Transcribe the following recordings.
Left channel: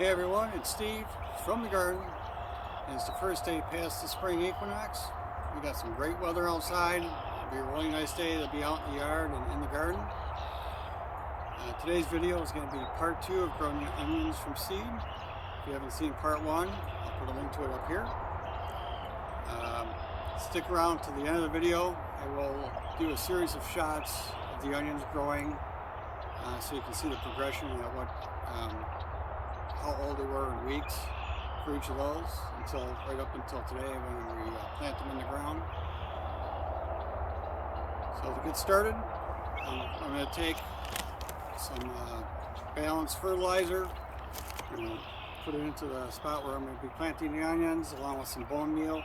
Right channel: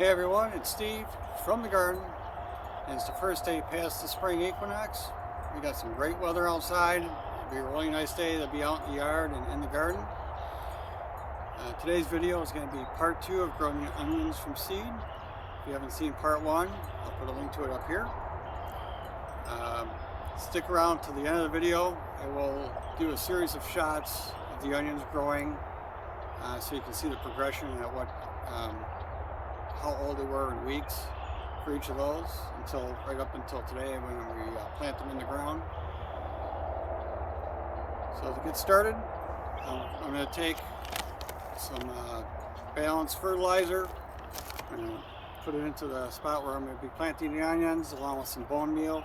Hey everyone, it's Steve from the garden, and it's the first day past the spring equinox. We got some great weather outside. It'll be a really nice day to be out in the yard and in the garden. Today's video is going to be part 2 of growing onions from seed. If you haven't seen part 1, I'll put a link to it up here. Stick around to the end of the video. I will do a series of shots of the onions growing so you can see the progression and at what how old they were in weeks for each of those, right up until today when we plant them in the ground. So to get started, I'm going to take some balanced fertilizer and put it into the spot where I'm going to be planting the onions, along with some bone meal.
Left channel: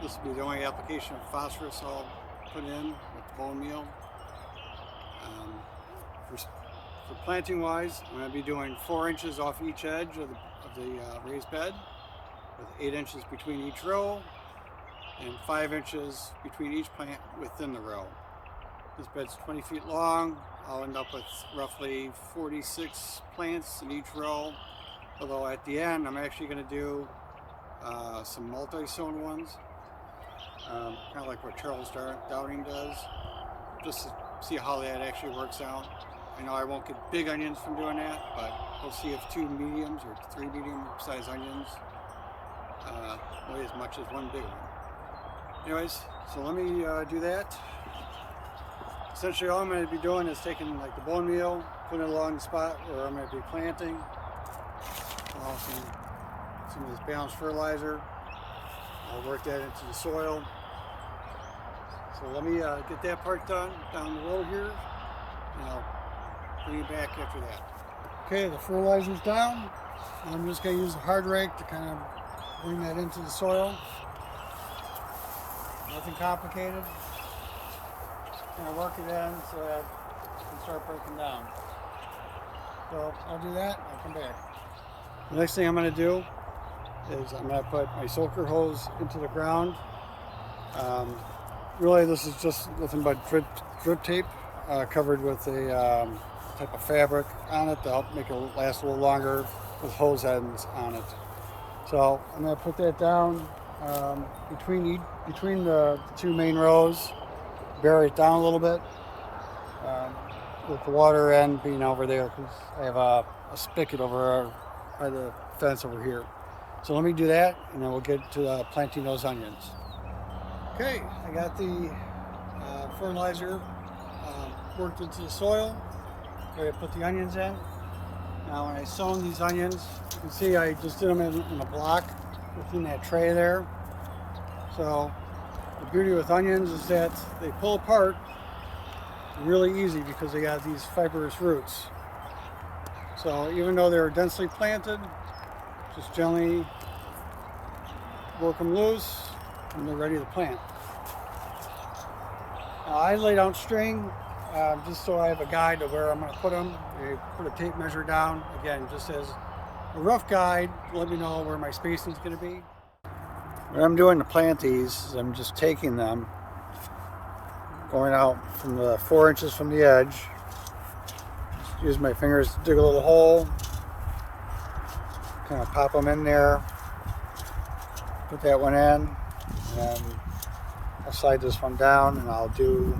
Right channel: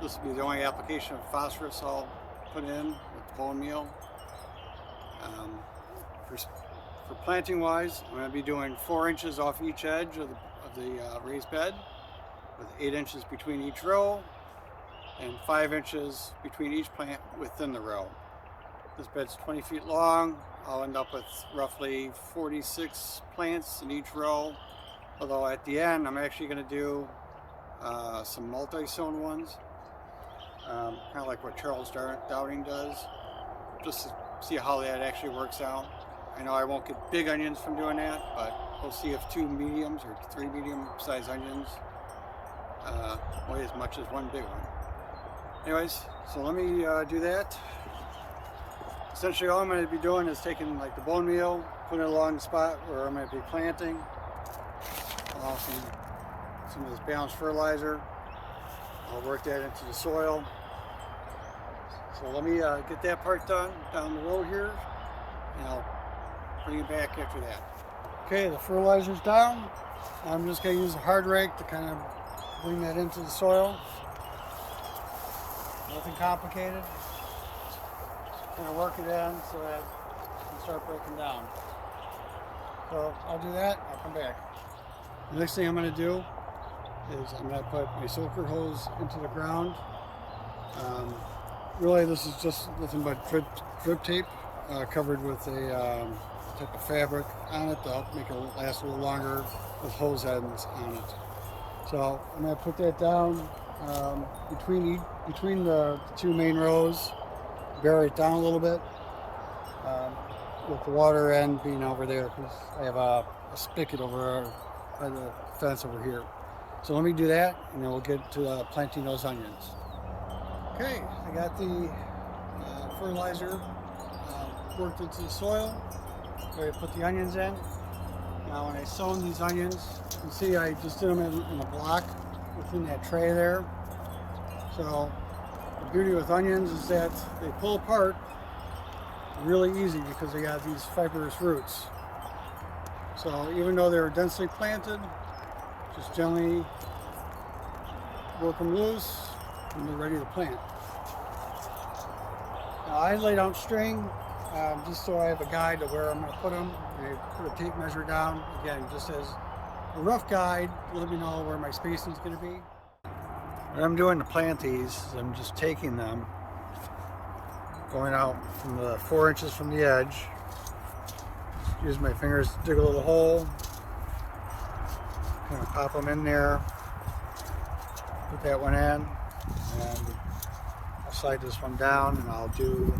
This will be the only application of phosphorus I'll put in with bone meal. For planting wise, I'm going to be doing 4 inches off each edge of the raised bed, with 8 inches between each row and 5 inches between each plant within the row. This bed's 20 feet long. I'll end up with roughly 46 plants in each row, although at the end I'm actually going to do some multi-sown ones, kind of like what Charles Dowding does, just to see how that actually works out. I know I won't get big onions from doing that, but we'll see if 2 mediums or 3 medium-sized onions weigh as much as 1 big one. Anyways, so let me do that. Essentially, all I'm going to be doing is taking like the bone meal, putting it along the spot where I'm going to be planting, along with some of this balanced fertilizer. I'll work that into the soil. So let me get that part done down the road here, and I'll bring it back after that. Okay, the fertilizer's down. I'm just going to use a hard rake to kind of bring that into the soil. Nothing complicated. Kind of work it in so that it can start breaking down. So I'll do that, I'll come back. The next thing I'm going to do is I'm going to put my soaker hose into the ground. Really, this is just nothing but drip tape covered with a type of fabric on it to help make it last a little longer with hose ends on it. So I'm going to put that down between the 2 main rows, bury it down a little bit with the water end being over there, because I have a spigot over by the fence over here. So let me do that, and then we'll get to planting those onions. Okay, I got the fertilizer worked into the soil. Ready to put the onions in. Now when I sown these onions, you can see I just did them in a block within that tray there. So the beauty with onions is that they pull apart really easy because they got these fibrous roots. So even though they're densely planted, just gently work them loose and they're ready to plant. Now I laid out string just so I have a guide to where I'm going to put them. And I put a tape measure down, again, just as a rough guide to let me know where my spacing is going to be. What I'm doing to plant these is I'm just taking them, going out from the 4 inches from the edge. Just use my fingers to dig a little hole, kind of pop them in there, put that one in, and then I'll slide this one down, and I'll do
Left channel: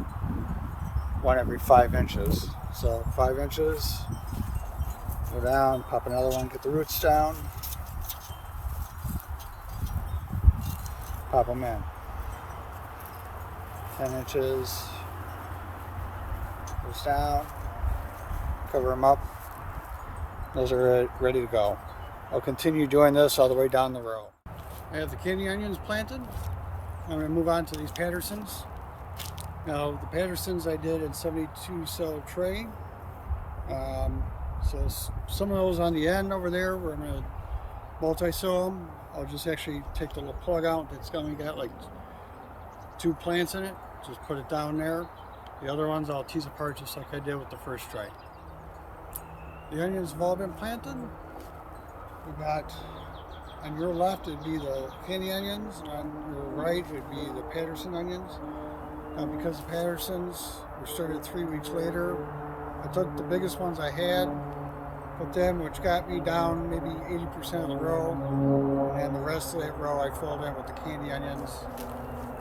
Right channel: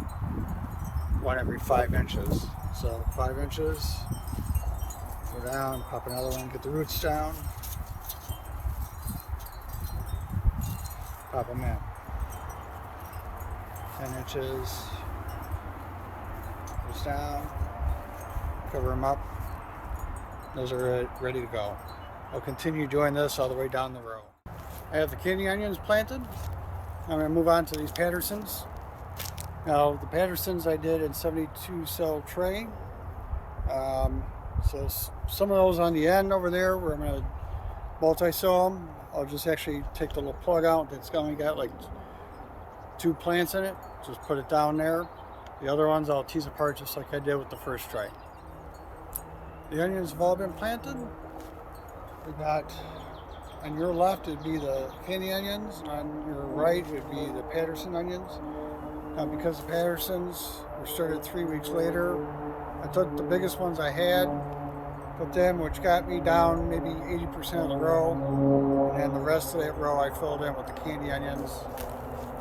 one every 5 inches. So 5 inches, go down, pop another one, get the roots down, pop them in. 10 inches, goes down, cover them up. Those are ready to go. I'll continue doing this all the way down the row. I have the kidney onions planted. I'm going to move on to these Pattersons. Now the Pattersons I did in 72 cell tray. So some of those on the end over there where I'm going to multi-sow them, I'll just actually take the little plug out that's only got like 2 plants in it. Just put it down there. The other ones I'll tease apart just like I did with the first tray. The onions have all been planted. We got, on your left it'd be the candy onions, and on your right it'd be the Patterson onions. Now because the Pattersons were started 3 weeks later, I took the biggest ones I had put them, which got me down maybe 80% of the row. And then the rest of that row I filled in with the candy onions.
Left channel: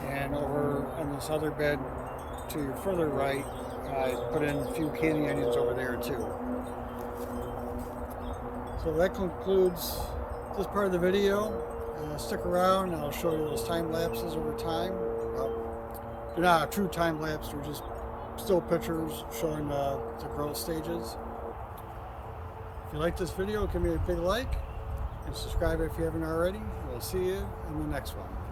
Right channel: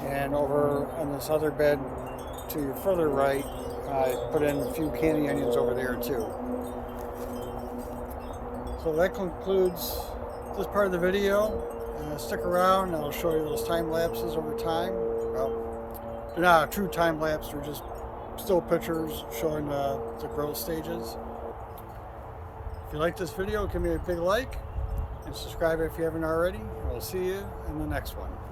And over on this other bed to your further right, I put in a few candy onions over there too. So that concludes this part of the video. Stick around and I'll show you those time lapses over time. Well, they're not a true time lapse, they're just still pictures showing the growth stages. If you like this video, give me a big like and subscribe if you haven't already. And we'll see you in the next one.